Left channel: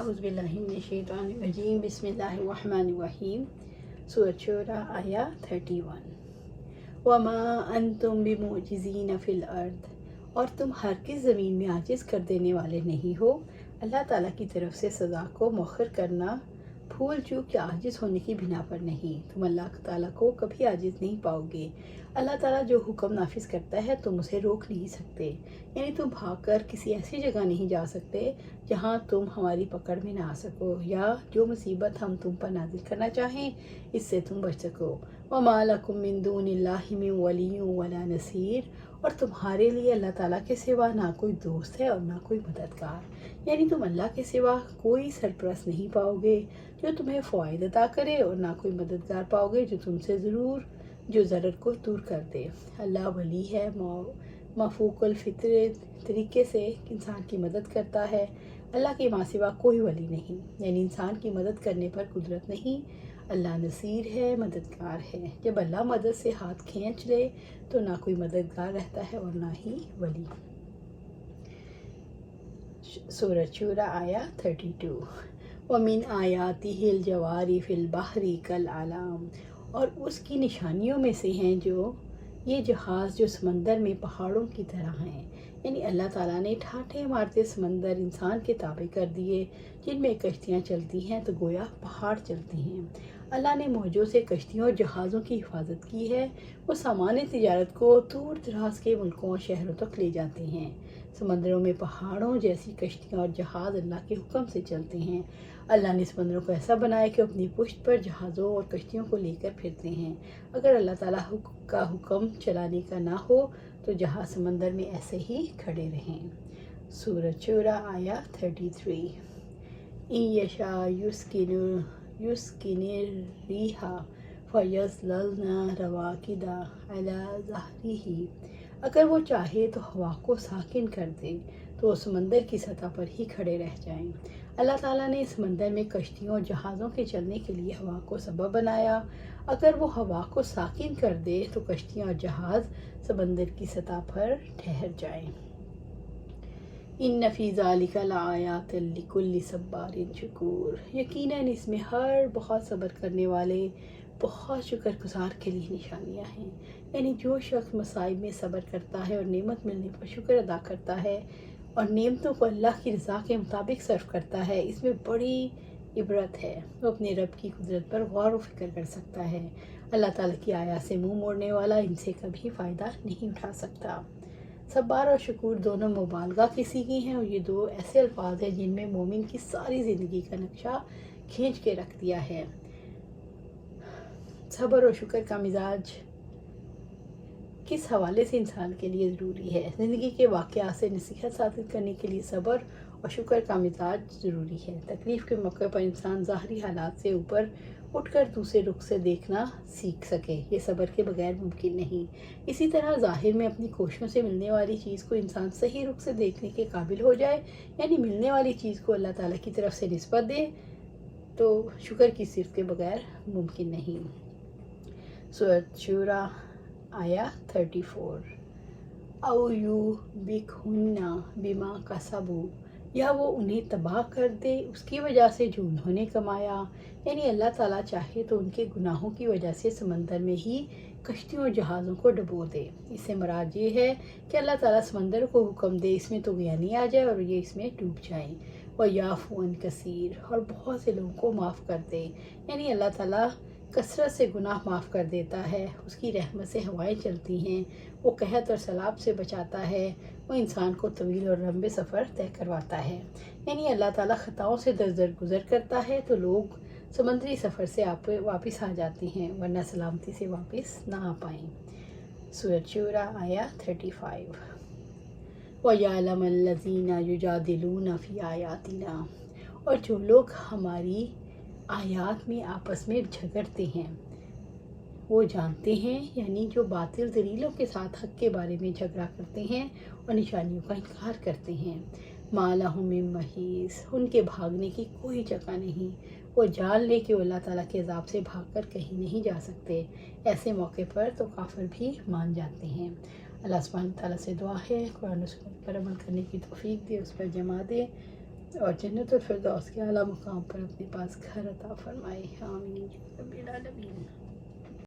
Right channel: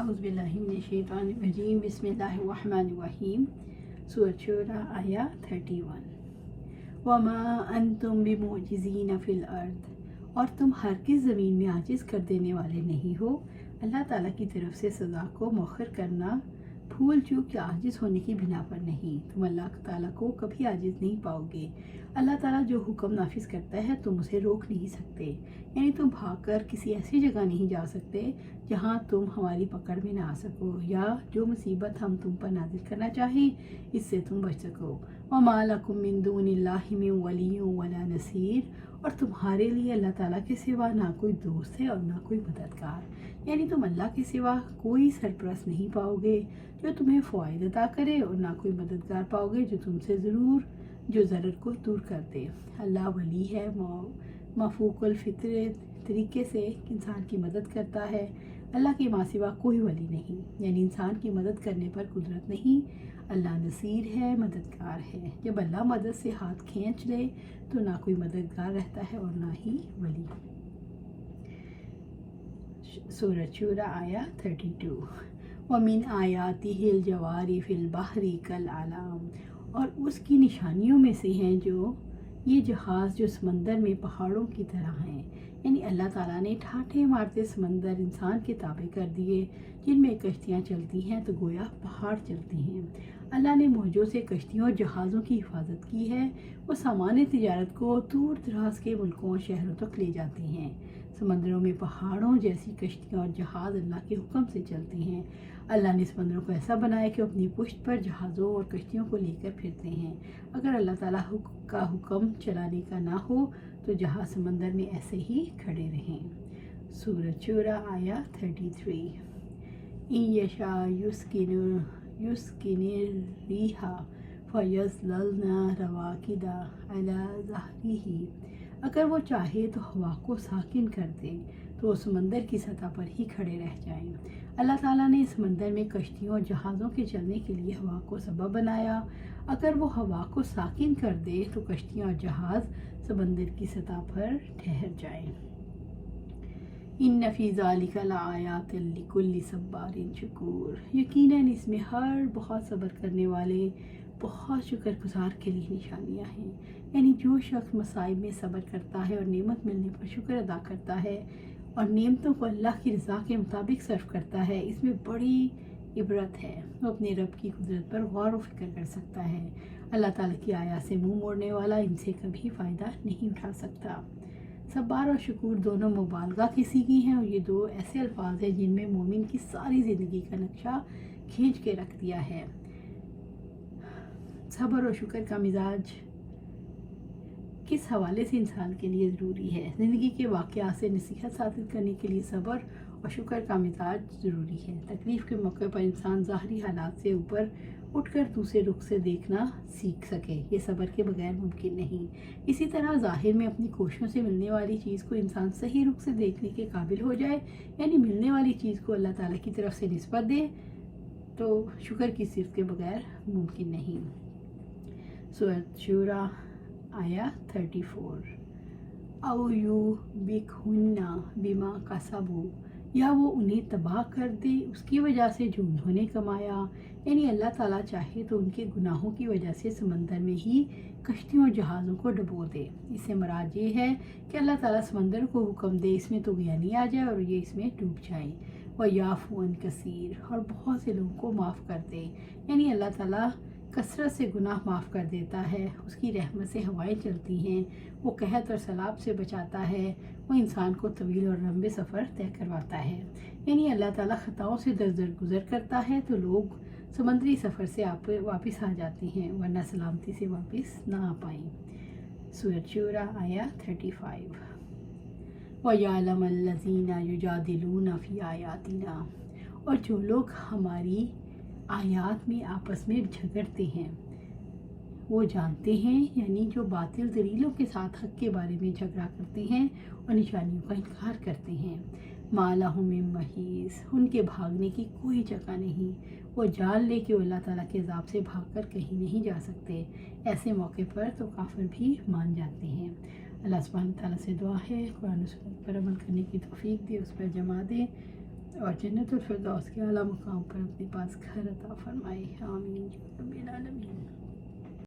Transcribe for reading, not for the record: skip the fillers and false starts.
اعوذ باللہ من الشیطان الرجیم بسم اللہ الرحمن الرحیم سورۃ شعراء آیا 31 وما انتم بمعجزین فی الارض، اور تم ہرگز زمین میں عاجز کر دینے والے نہیں ہو۔ اللہ تعالیٰ کی طرف سے سزا کو مؤخر کرنا بھول چوک یا عاجز ہونے کی بنا پر نہیں۔ تم اللہ تعالیٰ کو کبھی عاجز نہیں پاؤ گے۔ اللہ تعالیٰ جو حکم نافذ کرتا ہے تم اسے روک نہیں سکتے، یعنی تم بھاگ کر کسی ایسی جگہ نہیں جا سکتے جہاں تم ہماری پکڑ میں نہ آ سکو، یا جو مصیبت ہم تم پر نازل کرنا چاہیں اس سے تم بچ سکو۔ وَمَا لَكُم مِّن دُونِ اللَّهِ مِن وَلِيٍّ وَلَا نَصِيرٍ، اور تمہارے لیے اللہ تعالیٰ کے سوا نہ کوئی دوست ہے اور نہ کوئی مددگار، یعنی تم اللہ کے سوا کوئی سرپرست نہیں پاؤ گے جو تمہیں فوائد عطا کرے، اور نہ کوئی مددگار پاؤ گے جو تم سے جو ضرر کو دور کر دے۔ اللہ ولی ہے، مفوق الفطر طریقے سے انسان کی مدد کرتا ہے۔ اللہ کے ماں سوا کوئی ولی نہیں، یعنی انسان کی مدد کرنے پر قدرت نہیں۔ اللہ نصیر ہے، مددگار ہے۔ جب اللہ مدد سے ہاتھ کھینچ لے تو نہ کوئی مددگار رہتا ہے اور نہ ہی ولی۔ سورۃ شعراء آیا 32 وَمِنْ آیَاتِهِ الْجَوَارِ فِي الْبَحْرِ كَالْأَعْلَامِ، اور اس کی نشانیوں میں سے ہیں یہ جہاز جو سمندر میں پہاڑوں کی طرح ہیں، یعنی اللہ تعالیٰ نے ٹھاٹھے مارتے سمندر انسان کے تابع کر دیے، جن میں کشتیاں چلتی ہیں تو گویا پہاڑ چلتے ہیں۔ اللہ نے موجوں سے کشتیوں اور جہازوں کی حفاظت کی ہے، وہ سامان تجارت کو دور دراز کے ملکوں اور شہروں تک لے جاتے ہیں۔ سمندروں میں پہاڑوں جیسی کشتیاں اور جہاز اللہ کے حکم سے چلتے ہیں۔ اللہ نے سمندروں کو ایسا بنایا کہ اپنی پشت پر جہازوں اور کشتیوں کو لے کر پھرتے ہیں۔ اگر اللہ تعالیٰ کا حکم چلانے کا نہ ہو تو جہاز سمندر میں ایسے ہی کھڑے رہیں۔ سورۃ شعراء آیا 33 إِن يَشَأْ يُسْكِنِ الرِّيحَ فَيَظْلَلْنَ رَوَاكِدَ عَلَى ظَهْرِهِ، اگر وہ چاہے تو ہوا کو ساکن کر دے تو وہ سمندر کی سطح پر ہی کھڑے رہ جائیں۔ اللہ تعالیٰ نے سمندر میں کشتیوں اور جہازوں کے چلنے کے لیے ہوا کو سبب بنایا، اگر وہ ہوا کو ساکن کر دے تو کشتیاں اور جہاز سمندر کی سطح پر ٹھہر جائیں۔ إِنَّ فِي ذَلِكَ لَآيَاتٍ لِكُلِّ صَبَّارٍ شَكُورٍ، یقیناً اس میں ہر بہت صبر کرنے والے بہت شکر گزار کے لیے نشانیاں ہیں، یعنی جو شخص مصائب میں صبر کرتا ہے اور نعمت ملنے پر شکر ادا کرتا ہے اور نعمتوں کو اللہ کی رضا کے مطابق صرف کرتا ہے، اس میں بڑی عبرت ہے۔ وہ اپنے رب کی قدرت پر غور و فکر کر سکتا ہے۔ اللہ تعالیٰ کی آیات سے منہ موڑنے والا ان سے کبھی فائدہ نہیں اٹھا سکتا۔ صبر اور شکور دونوں مبالغہ کی صیغے ہیں، اور یہ دو ایسے الفاظ ہیں جن میں مومن کی ساری زندگی کا نقشہ کھینچ کے رکھ دیا ہے۔ صبر اور شکر کا مزاج کس حوالے سے انسان کے لیے ضروری ہے؟ زندگی کے واقعات سے نصیحت حاصل کرنے کے لیے صبر اور شکر کا مزاج ضروری ہے۔ تکلیف کے موقع پر انسان ظاہری حالات سے اوپر اٹھ کر دوسرے رخ سے دیکھنا سیکھ سکے، یہ صبر کے بغیر ممکن نہیں۔ اسی طرح ظاہر میں اپنی کوششوں سے ملنے والی چیز کو انسان صحیح رخ سے دیکھنے کے قابل ہو جائے، یعنی ملنے والی چیز کو اللہ تعالیٰ کی طرف سے نسبت دے، تو شکر کی صرف کے بغیر ممکن نہیں۔ سورۃ شعراء آیا 34 أَوْ يُوبِقْهُنَّ بِمَا كَسَبُوا، یا وہ انہیں تباہ کر دے اس کی وجہ سے جو انہوں نے کمایا، یعنی اللہ تعالیٰ چاہے تو ان کے گناہوں کی وجہ سے سمندر میں ہی کشتیوں اور جہازوں کو ڈبو دے۔ اس سے مراد یہ ہے کہ اللہ تعالیٰ سمندر کو حکم دے اس میں طغیانی آ جائے اور یہ اس میں ڈوب جائیں۔ وَيَعْفُو عَنْ كَثِيرٍ، اور بہت سے لوگوں کو معاف کر دے، یعنی اللہ تعالیٰ کثرت سے گناہ معاف کر دیتا ہے، اس کی رحمت سے ہوائیں چلتی ہیں، وہ قحط اور سیلاب سے بچاتا ہے، وہ انسان کو طویل اور لمبے سفر طے کرواتا ہے، یعنی اللہ تعالیٰ خطاؤں سے گزر کرتا ہے تو لوگ سمندری سفر سے واپس آ جاتے ہیں، ورنہ سلامتی سے واپس نہ آ پائیں۔ سورۃ شعراء آیا 35 وَيَعْلَمَ الَّذِينَ يُجَادِلُونَ فِي آيَاتِنَا، اور جو لوگ ہماری آیات میں آپس میں جھگڑتے ہیں وہ جانتے ہیں، یعنی جو باطل دلیلوں کے ساتھ حق کے بارے میں جھگڑا کرتے ہیں اور نشانیوں کا انکار کرتے ہیں۔ مَا لَهُم مِّن مَّحِیصٍ، ان کے بھاگنے کی کوئی جگہ نہیں، وہ جان لے کہ وہ اللہ تعالیٰ کے عذاب سے بھاگ کر کہیں نہیں جا سکتے۔ ایسے موقع پر تو کافر بھی مان جاتے ہیں۔ اللہ سبحانہ تعالیٰ سے دعا ہے قرآن و سنت پر عمل کرنے کی توفیق دے، اس پر جمع دے۔ اور جنت الفردوس کے اعلیٰ مقام پر اپنے پاس گھر عطا فرمائے، آمین۔